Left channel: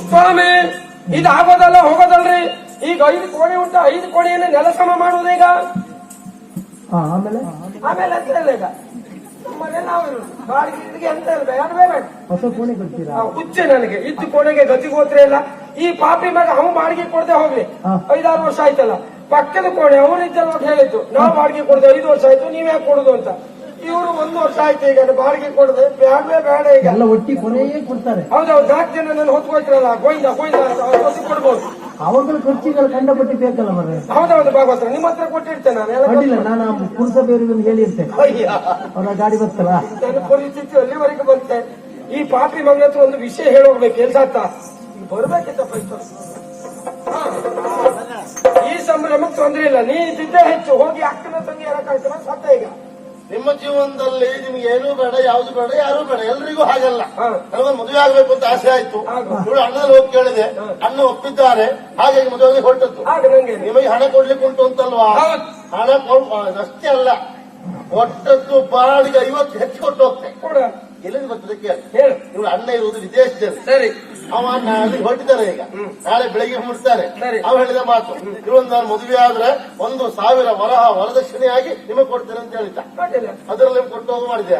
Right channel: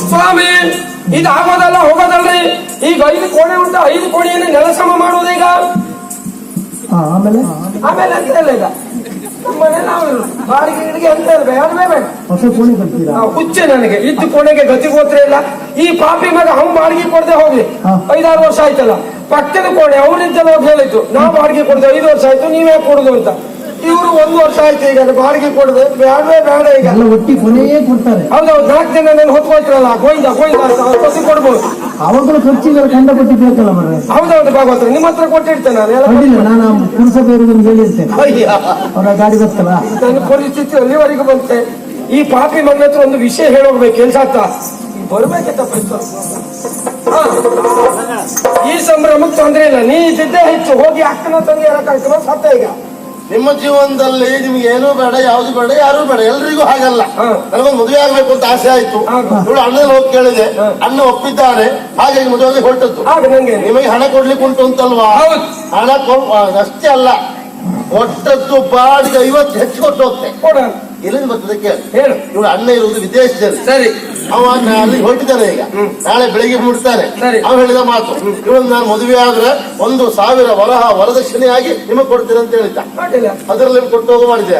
ಸ್ವಾಮಿ ಇದು ಆಗೋದಲ್ಲ ಹೋಗೋದಲ್ರಿ. ಈಗ 5 ಕೋಣೆ ಉಂಟು, 5 ಕೋಣೆಯನ್ನು ನೆಲ ಸಮ ಮಾಡುವುದು ಈಗ. ಆಮೇಲೆ ಆಮೇಲೆ ಅಂತ ಇಲ್ಲ ಈಗ ಮನೆ ನಾವು ಬಾಡಿಗೆ ಗಿಡಿಗೆ ಅಂತ ಬೇಡವೇ ಬೇಡ. ಹೊಸ ಕೋಣೆ ಕಟ್ತೀರಾ? ಹುಚ್ಚೆ ನನಗೆ ಇದ್ದು ಕೋಣೆಗೆ ಗತಿಗೋತ್ರ ಇಲ್ಲ. ಈ ಪಾಪಿ ಮಗ ಅವ್ನು ಬಾಡಿಗೆ ಕೊಡದೆ ಹೋಗ್ಲಿ 5-6 ವರ್ಷ ಆಯ್ತಲ್ಲ. ಪಕ್ಕದ ಕೋಣೆ ಅವರಿದ್ದಲ್ಲ ಹೇಳಿತ್ತು, ನಾವು ಬಾಡಿಗೆ ಕೊಡದೆ 5 ವರ್ಷ ಆಯ್ತು, ನೀವೇ ಕೊಡುದು ಅಂತ. ಇವರು 1 ವರ್ಷ ಆಯ್ತು ಈಗ ಬಾಡಿಗೆ ಕೊಡದೆ. ಬೇಡವೇ ಬೇಡ ಈಗ. ಎಲ್ಲ ಒಟ್ಟಿ ಕೊನೆಯೇ ಕೊಡ್ತಾರೆ. ಹೌದೌದು, 4 ಜನ ನಾನು ಹೊತ್ಕೊಳ್ತಿರಲ್ಲ ಗೋಯಿಂದ ಹೊಸ ಕೊಡ್ಬೋದು. ಅವಾಗಲೂ ಖರ್ಚಿಗೆ ಕಂಡ ಕೊಟ್ಟಿ ಬೇಕಲ್ಲ ಮರ. ಹೌದೌದು ಭಾಗವತ, ನಿಮ್ಮ ಹತ್ರ ಕೊಟ್ಟಿರ್ತೇನೆ ನಾನು ಪುರಸಭೆಯವರಿಗೆ ಹೇಳಿರ್ತೇನೆ. ಅವರ ಗಾಡಿ ಗೊತ್ತಲ್ಲ, ನನ್ನ ಪರಿಸ್ಥಿತಿ ಅಲ್ಲಿವರೆಗೂ ಬಂತೆ. ಈ ಪಾಪಿ ಮನೆ ಹತ್ರ ಒಂದು ವಿಷಯ ಹೇಳೋಗ್ಬೇಕು ಕೆಲ್ಸ ಅಂತ ಬರ್ಬೇಕಿತ್ತ. ಈ ಸಂಭ್ರಮಕ್ಕೆ ತೊಂದ್ರೆ ಇಲ್ಲ, ನೀ ಇದ್ದಿದ್ದೇ ಹೆಚ್ಚು. ಹೋಗಿ ಅಕ್ಕನ ತಂಗಿ ಯಾರಕ್ಕಾಗ್ತವ ಸತ್ತ. ಈಗ ನಿಮ್ಮ ಜೀವನದಲ್ಲಿ ನಿಮ್ಗೆ ಏನೂ ಬೇಡ, ಯಾವ್ದು ಬೇಡ, ಯಾರು ಬೇಡ, ಎಲ್ರಿಗೂ ಹಾಗಲ್ಲ. ನನಗೊಂದು ಮದುವೆ ಆಗ್ಬೇಕು ಅಂತ ಆಸೆ ಆಯ್ತು. ಇವಳು ಅಣ್ಣನಲ್ಲಿ ಹೋಗಿ ಕೇಳಿದೆ, ಅಣ್ಣ ಒಪ್ಪಿದ್ದಾರೆ, ಹಾಗಾಗಿ ಮದುವೆಗೆ ಹೊರಟದ್ದು. ನಿಮಗೆ ಹಣ ಕೊಡ್ಲಿಕ್ಕೆ ಉಂಟು ಅಂತಲ್ವಾ? ಹಣ ಅಷ್ಟೇ ಅಲ್ಲ, ಕೊಟ್ಟದ್ದು ಬಾಡಿಗೆ 50 ಹೆಚ್ಚು ಕೊಟ್ಟು ಹೋಗ್ತೆ. ಎಲ್ಲಿಂದ ಬರ್ತದೆ ಕೇಳಿ. ಇವಳು ಅಣ್ಣ ಇರುವುದು ವಿದೇಶದಲ್ಲಿ. ಸರಿ, ಅವ ಅಲ್ಲಿ ಹೊರಟಿದ್ದಾನೆ. ಈಗ ನಾಳೆ ಬೆಳಿಗ್ಗೆ ಮುಡ್ತಾನೆ. ಅವ ಹೇಳಿದ ಮಾತು, ಇವಳು ನಾನು ಮದುವೆ ಆದ್ರೆ 1,000 ವರದಕ್ಷಿಣೆಯಾಗಿ ನಿಮಗೆ ಕೊಡ್ತೇನೆ ಅಂತ ಹೇಳಿದ್ದ. ಅದರಲ್ಲಿ ಕೊಟ್ಟು ಹೋಗೋ ಮಾಡಿದೆ.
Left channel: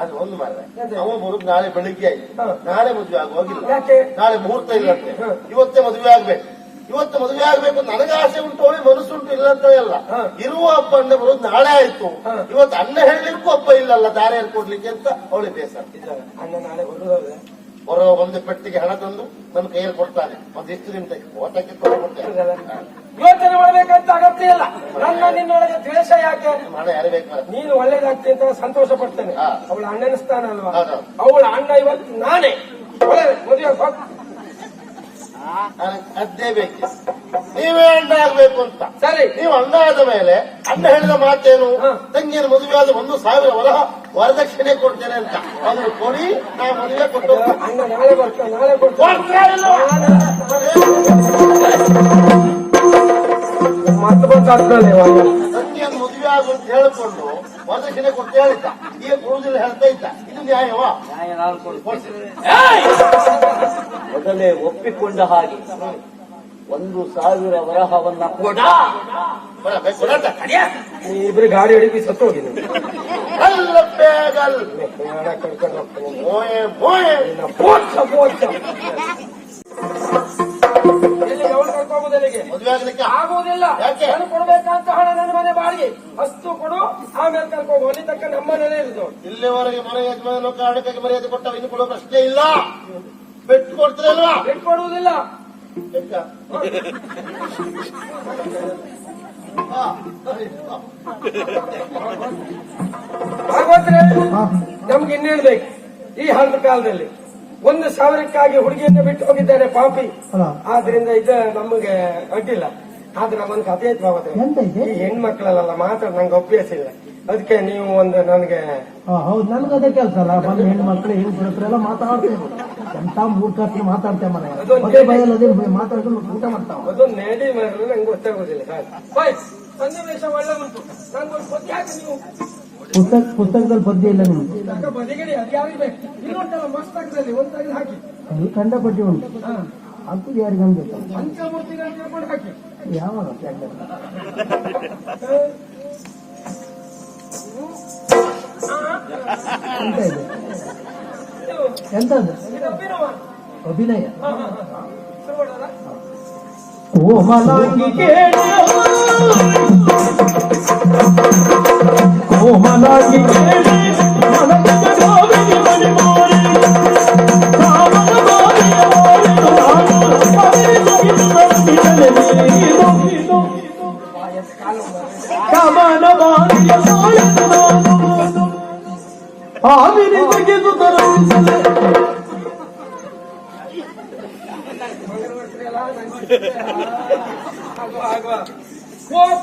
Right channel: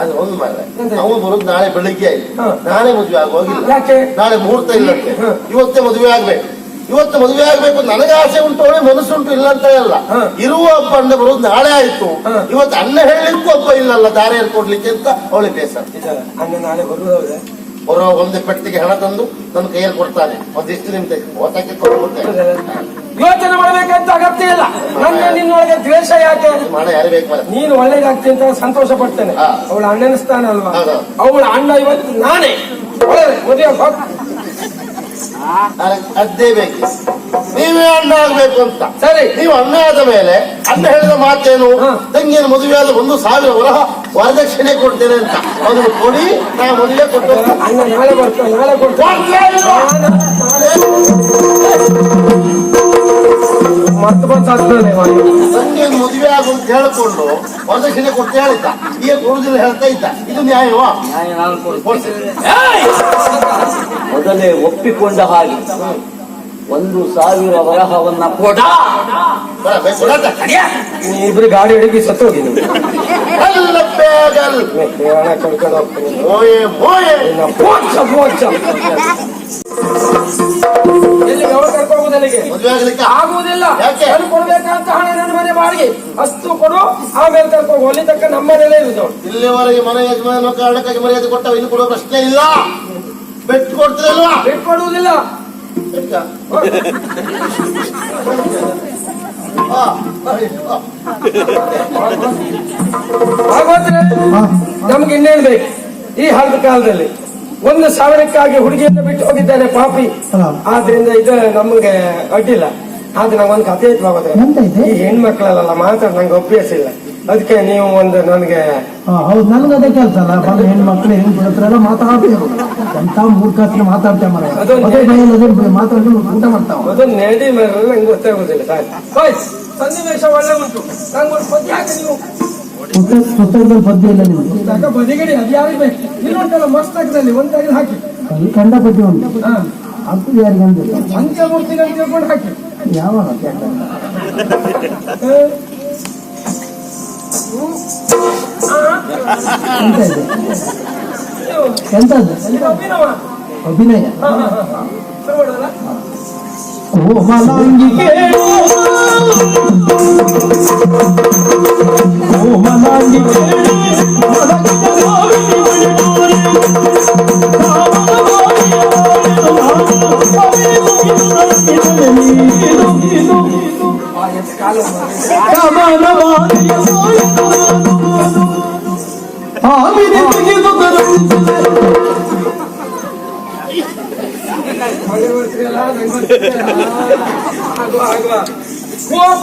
ಅದು ಒಂದು ಮಾರ್ರೆ, ಅವನು ಬರೋದು ನಾಳೆ ಬೆಳಿಗ್ಗೆ ಆಯ್ತು. ನಾಳೆ ಮದುವೆ ಆಗುವಾಗಿಲ್ಲ, ನಾಳೆ ಮುಹೂರ್ತ ಇಲ್ಲಂತೆ. ಇವತ್ತೇ ಮದುವೆ ಆಗ್ಬೇಕು. ಇವತ್ತು ಮದುವೆ ಆಗ್ಬೇಕು ನನಗೆ ಆಸೆ ಉಂಟು, ಅವಳಿಗೆ ಮನಸ್ಸುಂಟು ಇಲ್ಲ ಅಂತ ಎಲ್ಲ. ಇರುವ ಒಬ್ಬ ಅಣ್ಣ ಬರೋದು ನಾಳೆ ಆಯ್ತು. ಇವತ್ತು ಅಣ್ಣ ಹೇಳಲಿಕ್ಕೂ ಒಬ್ಬ ಇಲ್ಲಲ್ಲ ದಾರಿಯಲ್ಲಿ ಕೊಡ್ಲಿಕ್ಕೆ ಅಂತ ಅವಳಿಗೆ ಬೇಸರ. ಬರೋ ಒಂದೇ ಪೆಟ್ಟಿಗೆ ಹಣ ತಂದು ನನ್ನ ಕೈಯಲ್ಲಿ ಕೊಡ್ತಾನೆ. ಒಂದಿಷ್ಟು ನಿಮ್ಗೆ ಓದಕ್ಕೆ ಕೊಡ್ತೇನೆ. ಯೋಚನೆ ಮಾಡಬೇಕಂತ ಅಗತ್ಯ ಇಲ್ಲ. ನನ್ನ ನಿನ್ನೊಳಗೆ ದ್ವೇಷ ಯಾಕೆ ಮಾಡ ಯಾರು ಬೇಕು? ನೀನು ಒಳ್ಳೇದಾಗ್ತಿ ಅಂತ ಸಂತೋಷ ಪಡ್ತೇನೆ. ಅವಳ ಅಣ್ಣನ ಸ್ಥಾನ ಅಲ್ವಾ? ಅವಳ ಅಣ್ಣ ಇವತ್ತು ನಾನೇ ಒಳ್ಳೆ ಮದುವೆ ಅದೇ ಬೇಕು. ನೀವೇ ಅಣ್ಣ ಆಗ್ಬೇಕು ಅಂತ. ಸರಿ, ನೀವು ಅಣ್ಣ ಆದ ಮೇಲೆ ಅಣ್ಣ ಹೇಳಿದ ಮಾತೇನು? ತಂಗಿಯನ್ನು ಮದುವೆ ಆದ 1,000 ವರದಕ್ಷಿಣೆ ಕೊಡ್ತೇನೆ ಅಂತ. ಅದನ್ನು ಕೊಡಿ, ನಾ ಮದುವೆ ಕೊಟ್ಟು ಅಣ್ಣ ನಾಳೆ ಬರ್ತಾನೆ. ನಾಳೆ ಕೊಡ್ತೇನೆ. ತಂಗಿಯನ್ನು ಮದುವೆ ಆಗು ಅಂತ ಹೇಳಿಕೊಂಡು ವರದಕ್ಷಿಣೆ ಕೊಟ್ಟು ಹೇಳಿದ್ದ. ಈಗ ಕೊಡುದಿಲ್ಲ ಹೇಳ್ತಾ ಇದ್ದ. ಇದು ನ್ಯಾಯವಾ? ಮೊದಲೇ ಒಪ್ಪಿಕೊಂಡ ಹಾಗೆ 1,000 ವರಹವನ್ನ ಕೊಡ. ಇಬ್ರು ಗಾಡಿ ಹಿಡಿದು ಸತ್ತು ಹೋಗಿ ಆಗುವುದಿಲ್ಲ. ಕೊಡ್ಬೇಕಂತ ಹಣ ನನ್ನ ಮನೆ ಬಾಡಿಗೆ ಅಷ್ಟು ಕೊಡು, ಆಮೇಲೆ ಕರ್ಕೊಂಡು ಅಲ್ಲಿ ತಕ್ಕ ನಮ್ಮ ಮನೆಯಲ್ಲೇ ಇರುದು. ಇಲ್ಲಿವರೆಗೆ ಮನೆ ಯಜಮಾನ ಕಾರಣಕ್ಕಾಗಿ ಮರ್ಯಾದೆ ಕೊಟ್ಟ, ಇನ್ನು ಕೊಡುವ ಪ್ರಶ್ನೆ ಇಲ್ಲ. ಬೆಟ್ಟು ಕೊಡ್ತೀರಲ್ವಾ? ಬೆಟ್ಟು ಕೊಡುವುದಿಲ್ಲ. ಭಾಗವತ್ರೆ, ನಮ್ಗೆ ಇನ್ನೇನ್ ಬೇಕು ಈ ಹಳದ ಕಾಲದಲ್ಲಿ? 1,000ಕ್ಕಾಗಿ ಹುಡುಗಿಯನ್ನು ಬಿಟ್ಟು ಹೋಗಿದ್ದಾನೆ ಪಾಪಿ. ಆದ್ರಿಂದ ಇದು ನಮ್ಗೆ ಅಡ್ಡಿಲ್ಲ. ಆದ್ರೆ ನಂಗೊಂದು ಕಥೆ ಐತಿ ಭಾಗವತ್ರೆ. ಈ ಹೆಣ್ಮಕ್ಳಲ್ಲ ಮಾತಾಡ ನಂಗೆ ಅಭ್ಯಾಸ ಇಲ್ಲ. ಅದಕ್ಕೆ ನೀವು ಒಂದು ನನಗೆ ಹೌದು, ನನಗೆ ಅದೇ ಕೆಲಸ ಅಲ್ಲ. ಹೆಣ್ಮಕ್ಳು ಹೆಣ್ಮಕ್ಳೆಲ್ಲ ಮಾತಾಡ್ತೇವೆ ಅಂತ ಮೂರ್ಖಾಸ್ತ್ರ ಮಾತಾಡ್ತೇವೆ ಮರ. ಮಾತಾಡಿ ಊಟ ಮಾಡ್ತಾವ. ಅದನ್ನ ನೆಡಿ ಮೇಲೆ ನಂಗೆ ಗೊತ್ತಾಗುದಿಲ್ಲ. ಸನ್ನಿವೇಶ ಒಳ್ಳೆ ಉಂಟು. ನಂಗೊಂದು ಪದ್ಯ ಹಾಕಿ ನೀವು. ಪುಸ್ತಕದಲ್ಲಿ ಪದ್ಯ ಇಲ್ಲ ನೀವು? ಪುಸ್ತಕ ಬದಿಗಡಿ ಅದು ಯಾರಿಗೆ ಬೇಕು? ಇಲ್ಲೊಂಟಲ್ಲ ಮಸ್ತಕದಲ್ಲಿ ಒಂದು ತೆಗೆದು ಹಾಕಿ. ಅಲ್ಲಿ ಕಂಡ ಪದ್ಯ ಉಂಟು. ಅದು ಯಾರಿಗೆ ಅಂದ್ರೆ ಅಂತ್ಯಮೂರ್ತಿಗಳು ತಿಳ್ಕೊಂಡು ಹಾಕಿ. ಯಾವಾಗ ಎಂತದ್ದು ಅಭಿನಯ? ಕೋಮಲಾಂಗಿಗೆ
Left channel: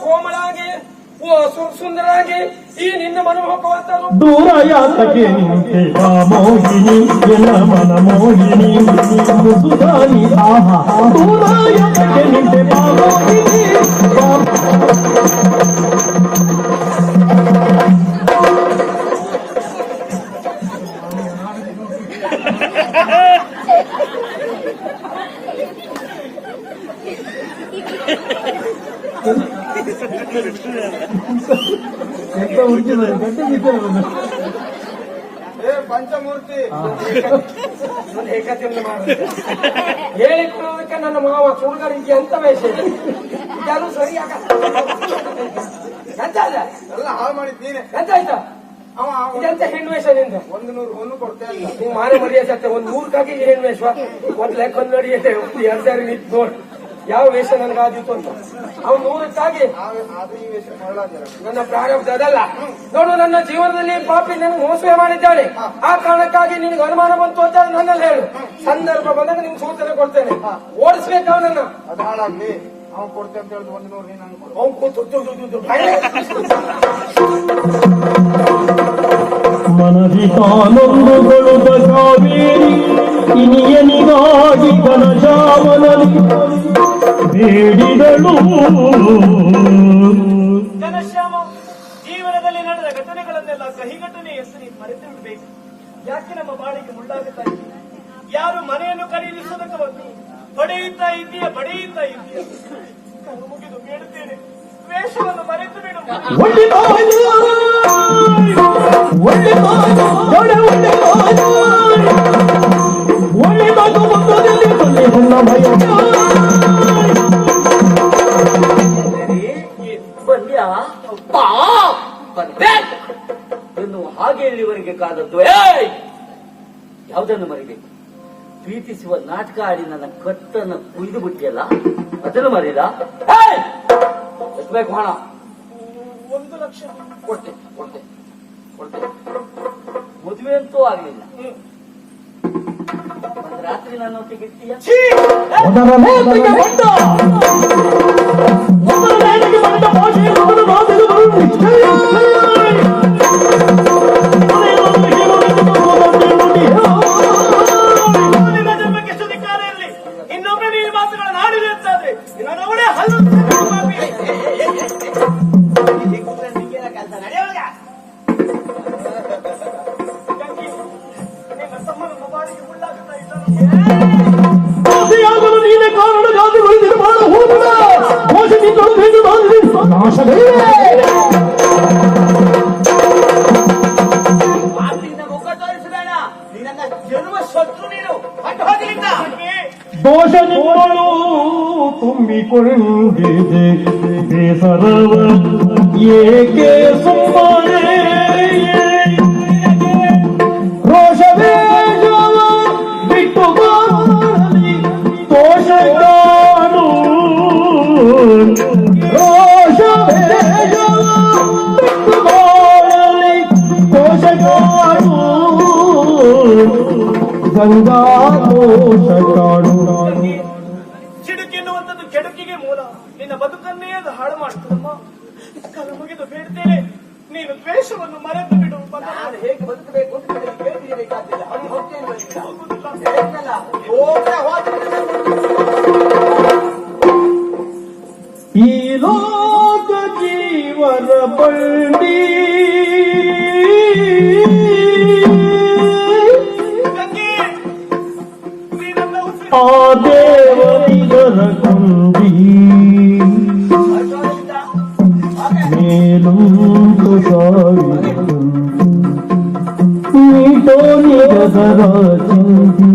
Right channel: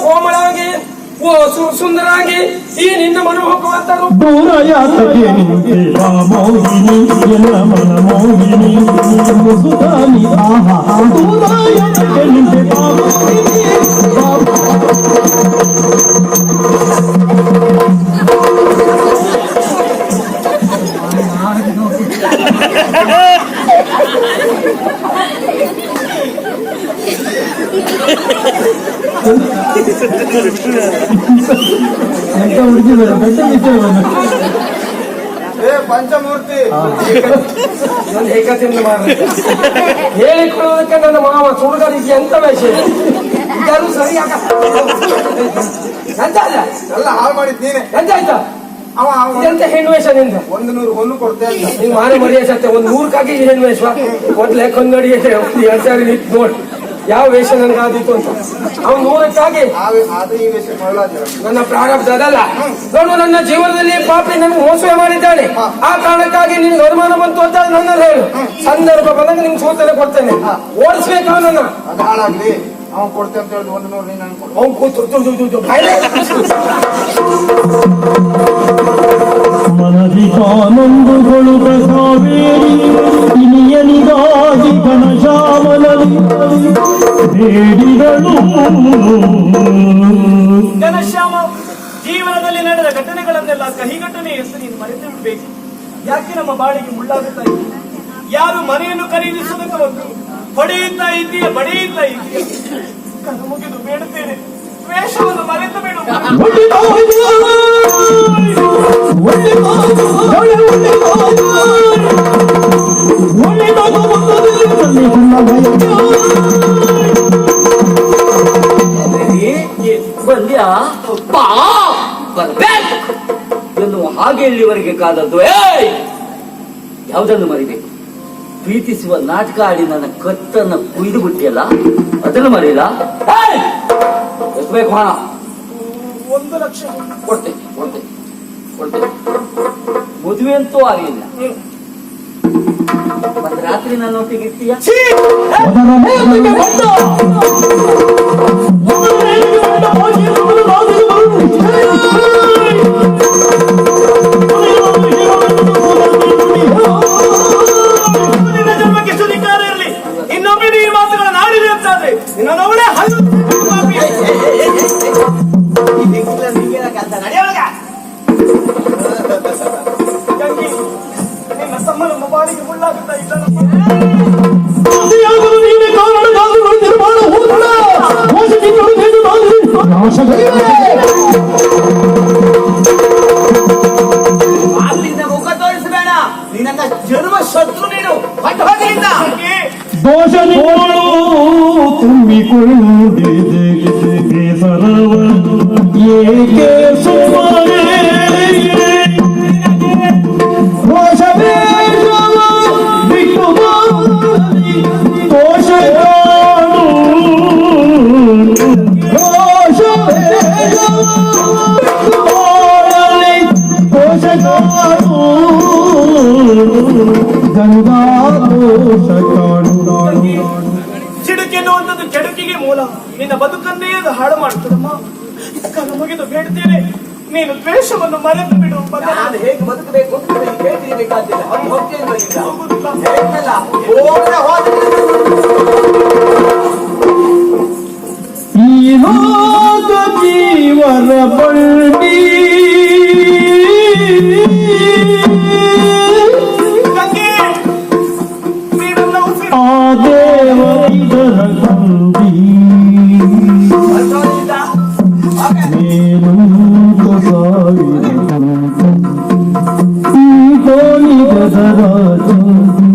ಕೋಮಳಾಗಿ ಓ ಸುಂದರಾಗಿ ಈ ನಿನ್ನ ಮನೋಹಕವಂತ ದೂರ ಯಾತಕ್ಕೆ ನಿಂತೆ ಮೋಹಿನಿ ಎಲ್ಲ ಮನ ಮೋಹಿನಿ ಸುಧಾನಿ ಆಹಾ ದೂರ ಯಾತಕ್ಕೆ ನಿಂತೆ ಮೋಹಿನಿ. ಎಂತ ಹುಡುಗಿದ್ದಾರೆ ಬೆಟ್ಟ ಬಿಟ್ಟಿರೋದು. ಪಂಚಮೂರ್ತಿ ನನ್ನ ಏಕತೆಯಿಂದ ಹೇಳಿಕೊಳ್ಳುವುದಕ್ಕೆ ನನ್ನ ಮಾವ ಸುಡುಗರಿಗೆ ಎಂತ ವೇಷ ಇದೆ ಇದನ್ನು ಸರಿಯಾಗ ಎಂತ ಅಲ್ಲ ಎಲ್ಲ ಹಾಳು ಮಾಡಿದ್ ನೀನೆ. ಎಂತ ಆಯ್ತಾ ಅವ ಎಂತ ಹೆಣ್ಣು ವೇಷ ನಿಂದ 100 ಹೊನ್ನು ಕೊಡ್ತೇ ಅಂತ. ನೀನ್ ಮಾರೆ ಮರಿಯ ಸತ್ಯ ಒಂದು 100ಕ್ಕಾಗಿ ಈ ಹೆಣ್ಣು ವೇಷ ಮೊದ್ಲೇ ಕೊಂದಡಿ 2 ಸಾರಿ ನಿಂತು ನೋಡಿ ಯಾವ ವೇಷ ನನ್ಗೆ ಆದಿತ್ತು ಅಂತ. ಅವ್ನು 100ಕ್ಕಾಗಿ ಆದ್ರೆ ಈ ವೇಷ ಮಾಡಲಾದ ನನ್ನ ಪ್ರಾರಬ್ಧ ಅದಲ್ಲ. ನೋಡು, ನನ್ನ ಜೀವನದಲ್ಲಿ ಪಾಪಿ ನನಗೆ ಮೋಸ ಮಾಡಿದ್ದಾನೆ. ಆ ಕಾರಣಕ್ಕಾಗಿ ನೀನು ಅನುಮಾನ ಬಂತು ಅಂತ ನನ್ನಲ್ಲಿ ಹೇಳು. ಸಂದರ್ಭ ಬಂದಾಗ ನಿಮ್ಗೆ ಸೂಚನೆ ಕೊಡ್ತೇನೆ. ಓಡಿಸ್ಬೇಕು ಅವನನ್ನ. ಅದು ಹಾಳಾಗ್ಲಿ. ಅವನ್ ಕೊಡ್ತೆ ಅಂತ ಹೇಳಿದ್ 100 ನೀನ್ ಅನ್ಕೊಡು. ಅವ್ನು ಕೂತು ಬಾಯ್ಲೆ. ಮನದಿ ಕಾನೊಂದುಗೊಳುತ್ತ ಕಾವೇರಿ ಇನಿಯನಿಗಾಗಿ ಘನಶ್ಯಾಮನದಿ ಬೇಡಿಗಳು. ಘನಶ್ಯಾಮ, ಜೀವನದಲ್ಲಿ ನಡೆದ ಘಟನೆಗಳನ್ನೆಲ್ಲ ಕಹಿ ಘಟನೆ ಎಂದು ನೀನು ಮರೆತು ಬಿಡಬೇಕು. ಯಾಕೆ ನಮ್ಮ ಬಾಳಿಗೆ ಮುಳ್ಳಾಗುತ್ತಾ ಇದ್ದೀಯ? ಯಾರು ಮನೆಯನ್ನು ಖರೀದಿಸುವುದಕ್ಕೆ ಬಂದು ಹೊಡೆಯುತ್ತಾ ಇದ್ದೀಯ, ಬಡಿಯುತ್ತಾ ಇದ್ದೀಯ. ಕಣ್ಣು ಮುಗಿದು ಬೇಡುತ್ತೇನೆ, ದ್ವೇಷವನ್ನು ಮರೆತು ಬೇಡ. ಬಂದ್ಯಾ ಬರ್ಬೇಕು ಎನ್ನುವ ಹಾಗೆ ಇಲ್ಲಿವರೆಗೆ ಕಾದದ್ದು. ಯಾವುದನ್ನು ಮರಿಬೇಕು? ಪ್ರೀತಿಸುವ ನಾಟಕ ಆಡಿ ನನ್ನ ಕತ್ತನ್ನು ಕುಯ್ದು ಬಿಟ್ಟಿಯಲ್ಲ, ಅದನ್ನು ಮರೀಲ? ಎಷ್ಟು ಬೇಕು ಹಣ? 1 ಲಕ್ಷ ಕೊಡ್ತೇನೆ. ಮದುವೆ ಅಂತೂ ಆಗಲಿಲ್ಲ. ಒಂದು ರಾತ್ರಿ ನನ್ನ ಒಟ್ಟಿಗೆ ಇರ್ತೀಯ? ನಿನ್ನ ಜನ್ಮಕ್ಕೆ ಸುಧಿಕಾರ ಇರಲಿ. ಇನ್ನೊಮ್ಮೆ ಈ ಮಾತುಗಳನ್ನು ಆಡಿದೆ ಅಂತಾದ್ರೆ ನಿನ್ನವಳೇ ಹಲ್ಲು ನಿನ್ನ ಸಮ್ಮನ ಬಾಳಿಗೆ ಮುಳ್ಳಾಗುತ್ತಾ ಇದ್ದಾನೆ. ಅಲ್ಲಿಂದ ಮುಖ ತೋರಿಸಬೇಡ. ನಿನ್ನ ಜನ್ಮ ಶತ್ರು ನೀನು. ಹೊಟ್ಟು ಹೋಗಿಲ್ಲ. ದೋಷಗಳು ತುಂಬಿಕೊಂಡಿದೆ ಬೇಸರವ ಏಕೆ ಸುಮ್ಮನೆ ರೋಷವೇಷವ ಬಿಟ್ಟು ದೋಷಗಳು ದೋಷಗಳು ಗಂಗಾ ದೋಷಗಳು. ಸಿಡುಕೆನ್ನುವಂಥದ್ದು ಕೆಡುಕಿಗೆ ಮೂಲ. ನಿನ್ನ ಬದುಕನ್ನೇ ಅದು ಹಾಳು ಮಾಡುತ್ತದಮ್ಮ. ಕಣ್ಣು ಮುಗಿದು ಬೇಡ್ತೇನೆ, ನೀನು ದ್ವೇಷವನ್ನು ಮರೆತು ಬಿಡು. ನಾನು ಹೇಗೆ ಬದುಕಬೇಕು ಅಂತ ಹೇಳ್ತಿರ್ಬೇಕಾಗಿಲ್ಲ. ಹೋಗ್ತೇನೆ ಈ ಲೋಕ ಜೀವನ ಬಂಡಿ ಆ ದೇವರ ಕುಂದಿ ಮೇಲೂಕ ಸಾವಿರ ಈ ತೋನಿಗದರ ಚಂದಿ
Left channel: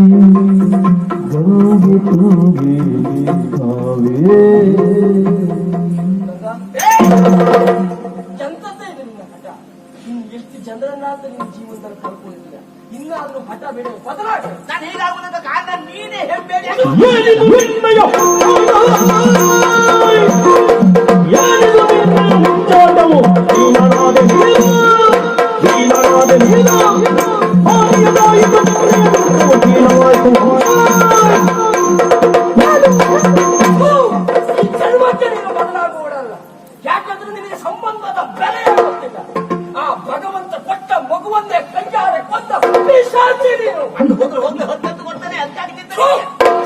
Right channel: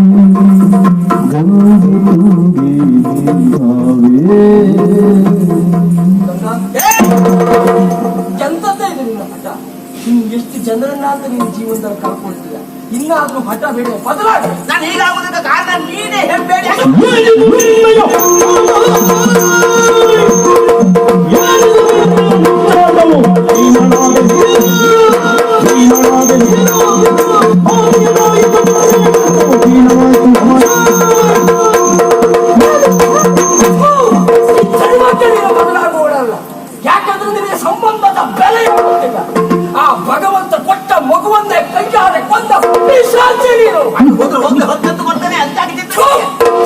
ಗಂಗು ತುಂಗಿ ನಾವೇ. ಎಂತದ್ದೇ ಇದೆ ನಿನ್ನ ಹಠ? ನೀನು ಎಷ್ಟು ಜನರನ್ನಾತ ನಿನ್ನ ಜೀವನದಲ್ಲಿ ಕಳ್ಕೊಳ್ತೀಯ. ಇನ್ನಾದ್ರೂ ಹಠ ಬೇಡ, ಬದಲಾಗ. ನಾನು ಹೀಗಾಗುವುದಕ್ಕೆ ಕಾರಣ ನೀನೇ ಹೆಬ್ಬೇಡಿ. ಬದಲಾಗೋಡಲ್ಲ. ಯಾಕಂದ್ರೆ ನಿನಗೆ ಸಂಬಂಧದ ಬೆಲೆ ಗೊತ್ತಿಲ್ಲ. ಆ ಭಗವಂತ ಕೊಟ್ಟ ಮಗುವನ್ನೇ ಕೈಯಾರೆ ಕೊಂದ ಪಿಶಾಚಿ ನೀನು. ಹೋದ್ರೆ ಹೊತ್ತಂತ ಕೊಡ್ತಾನೆ ಅಂತ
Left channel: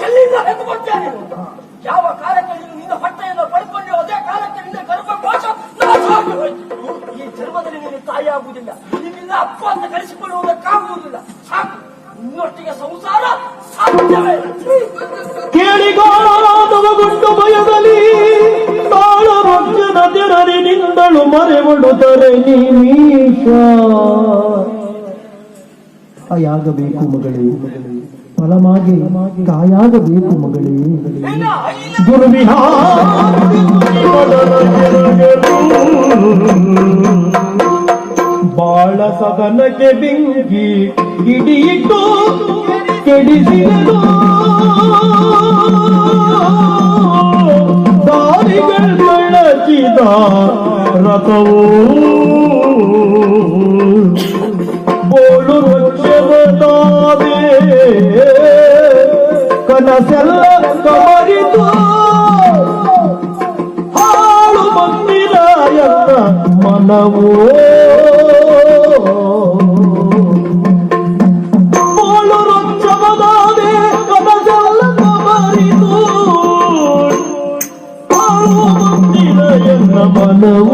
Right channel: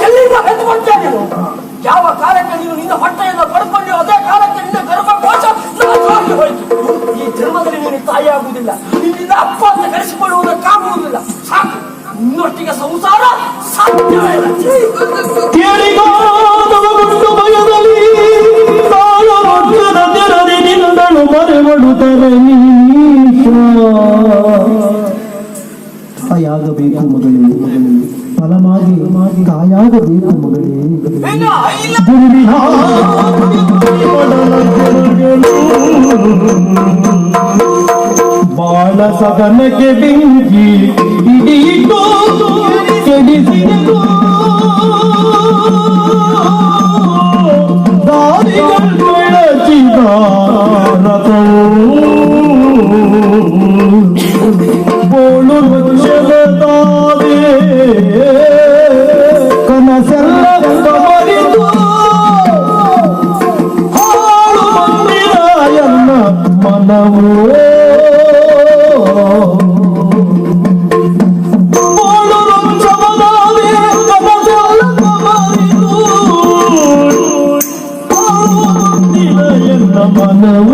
ಎಲ್ಲಿಂದ ಹೆದ್ದು ಕೊಡ್ತೇನೆ? ತಾಯಾಗಬೇಕು ಮಗಳೇ. ಹೆಣ್ಣ ಇಲ್ಲ ಗುರುವಿನ ಬಾಳ ಸದನಕ್ಕೆ ಬೆಂಕಿ ಹಿಡಿಯಿಟ್ಟು ಕೆಡಿಸಿದರು. ದಾರಿಗಳು ಬೆಳಚಿದ ರಥವು ಬೋಳು ವೃಕ್ಷವೇ ಕನಸೆಲ್ಲ ಮರಿದು ಹಾಳು ಮಾಡಿದ ಎನ್ನ ಮನವು. ಬೋಳು ವೃಕ್ಷವೇ ಕನಸೆಲ್ಲ ಮರಿದು ಹಾಳು ಮಾಡಿದ ಎನ್ನ ಮನವು.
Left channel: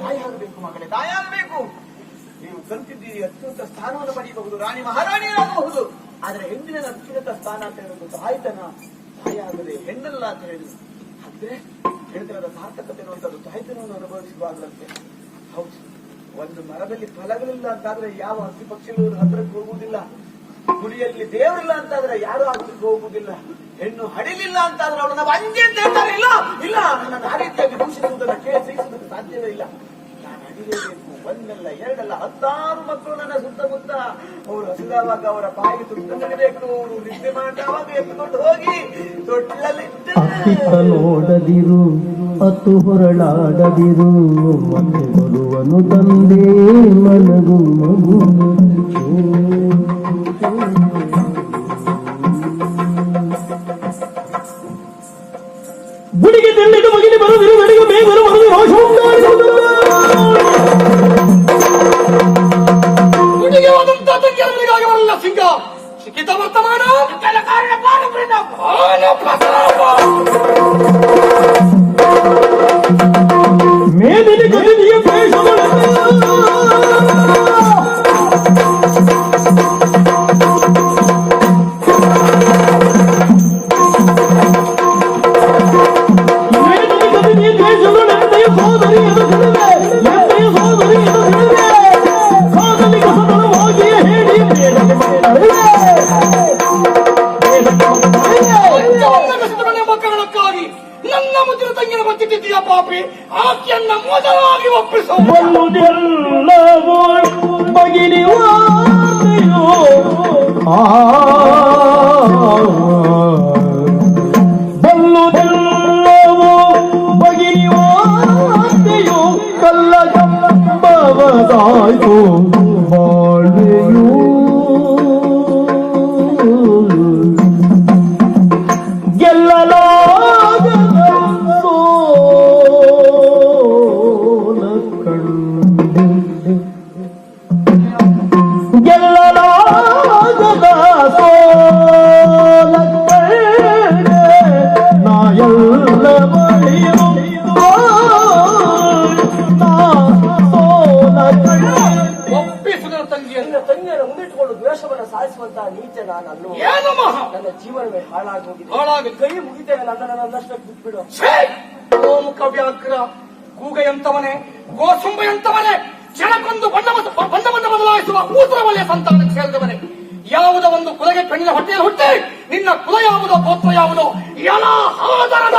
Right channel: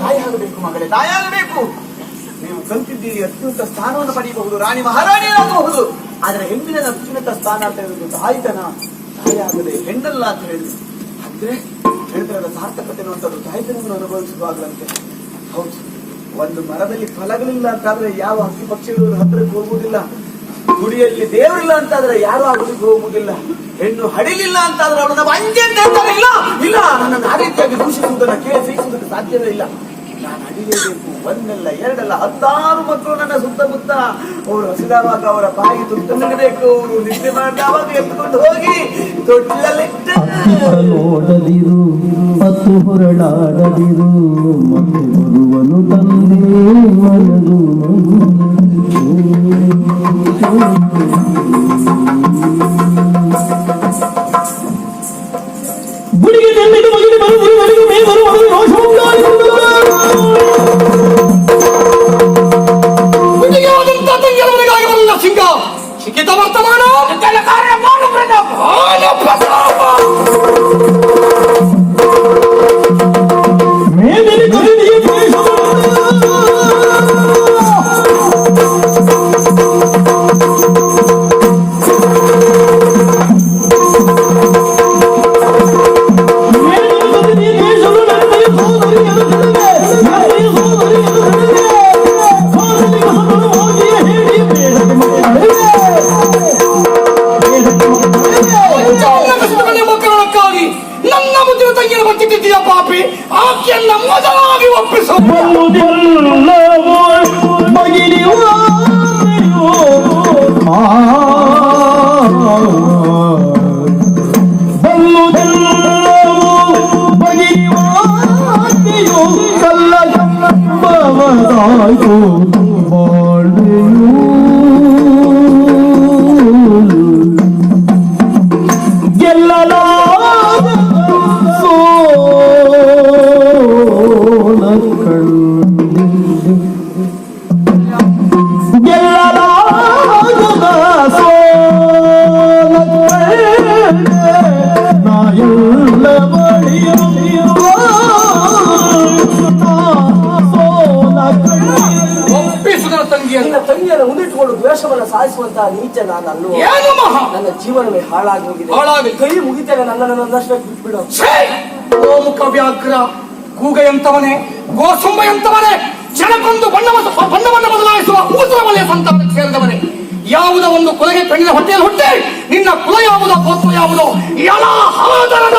ತಾಯಾಗಬೇಕು ಮಗಳೇ, ತಾಯಾಗಬೇಕು. ನೀವು ಕಲ್ತಿದ್ದೀರಿ, ಅತ್ಯುನ್ನತ ಸ್ಥಾನವನ್ನು ಪಡೆಯಬಹುದು, ರಾಣಿ ಮಹಾರಾಣಿಯರಾಗಬಹುದು. ಆದ್ರೆ ಹೆಣ್ಣಿನ ಅತ್ಯುನ್ನತ ಸ್ಥಾನ ಅಂತ ಹೇಳುದು ತಾಯ್ತನ. ತಾಯಾಗದೆ ಹೆಣ್ಣಲ್ಲ ಅಂತ ಹೇಳಿದ್ರು ಅಂದ್ರೆ ಹೇಳಿದ್ರೆ ಅದರ ಸಾರ್ಥಕತೆ ಅನ್ನುವಂಥದ್ದು ತಾಯ್ತನವನ್ನು ಅನುಭವಿಸುವಾಗಲಂತೆ. ಹೌದು, ಒಂದು ಮರದಲ್ಲಿ ಫಲಗಳಿಲ್ಲ ಅಂತಾದ್ರೆ ಯಾವ ಹಕ್ಕಿ ಪಕ್ಷಿಗಳು ಹತ್ರಕ್ಕೆ ಹೋಗುವುದಿಲ್ಲ. ಗುಡಿಯಲ್ಲಿ ದೇವರಿಲ್ಲ ಅಂತಾದ್ರೆ ಯಾರು ಆ ಗುಡಿಗೆ ಹೋಗುವುದಿಲ್ಲ. ಹೆಣ್ಣು ಹಡಿಲಿಲ್ಲ ಅಂತಾದ್ರೆ ಅವಳು ನಾವು ಅಂಜೆ ಅಂತ ಹೇಳ್ತಾರೆ. ಇಲ್ಲ ಇಲ್ಲ, ನನ್ನನ್ನು ಆ ರೀತಿಯಾಗಿ ದೂಷಿಸುವುದನ್ನ ಕೇಳಿ ಸಹಿಸುವುದಕ್ಕೆ ಸಾಧ್ಯವೇ ಇಲ್ಲ. ನಾನು ಹಡಿಲೇಬೇಕು. ಒಂದಲ್ಲ ಎರಡಲ್ಲ 16 ಮಕ್ಕಳು ನನ್ನ ಸುತ್ತಮುತ್ತ. ಅವರು ಹಸಿದಾವಾಗ ಅವರ ಬಾಯಿ ತುತ್ತು ನೀಡಬೇಕು. ಅವರು ನಿದ್ದೆ ಮಾಡಿದವಾಗ ಎತ್ಕೊಂಡು ಹೋಗಿ ತೊಟ್ಟಿಲಲ್ಲಿಟ್ಟು ನೋಡದಿರು ಹತ್ತು ಹೊರಡಾಡದಿರು ಮತ್ತೆ ಬರುವನು ತಂದೆ ಮನಗು ಗುಡಿಗೆ ತೆಮ್ಮಿದು ಮಗನಿ ಬರುವುದು ನನಗೂ ಬೇಗರು ಮಗಳು ಗುಡಿಗೆ ಹೋದಂತ ತಂಗಿಯರ ಮನೆಗಾಗಿ ಬರಲಿಲ್ಲ ಸಿಂಗ. ಶಿಖಿತ ವರ್ತಮಾನ ಕಾರಣ ಮೇದಿನ ಖರೀದಿಯ ನನ್ನ ಮುದ್ದಿನ ತಂಗಿಯನ್ನು ಗೊತ್ತಿದ್ದೀಯ ಪಾಪಿ. ಆಕೆಯನ್ನ ಮೊದಲಾಗಿ ಒಪ್ಪಿಸು. ತಂಗಿಯರ ಮುಂದಿಟ್ಟುಕೊಂಡು ದ್ವೇಷವನ್ನು ಸಾಧಿಸುವಂತಹ ನೀಚ ನಾನು ಅಲ್ಲೂ. ಏನು ಮಹಾ ನನ್ನ ಜೀವನವೇ ಹಾಳಾಗಿ ಹೋಗಿದೆ. ಕೈ ಮುಗಿತೇನೆ, ನನ್ನನ್ನು ನನ್ನಷ್ಟಕ್ಕೆ ಬಿಟ್ಬಿಡು. ಗೋಮುಖ ವ್ಯಾಘ್ರ ಕೂಗೆಯಂತವನೇ, ಗೋಸುಂಬೆಯಂತವನೇ, ಕ್ಷಣಕ್ಕೊಂದು ಬಣ್ಣವನ್ನು ಬದಲಾಯಿಸುವ ಊತರ ವಲಯ ಸಂತಾನಕ್ಕೆ ಸೇರಿದವನೇ. ಯಾವುದ ಒಂದು ಕುಲಗೆ ಕಣ್ಣಿನ ಹೊಟ್ಟೆಯಲ್ಲಿ ಹುಟ್ಟೆ ನಿನ್ನ ಕುಲ ಯಾವುದೋ ಗೋತ್ರ ಯಾವುದೋ ಎಲ್ಲ ಹಾದರದ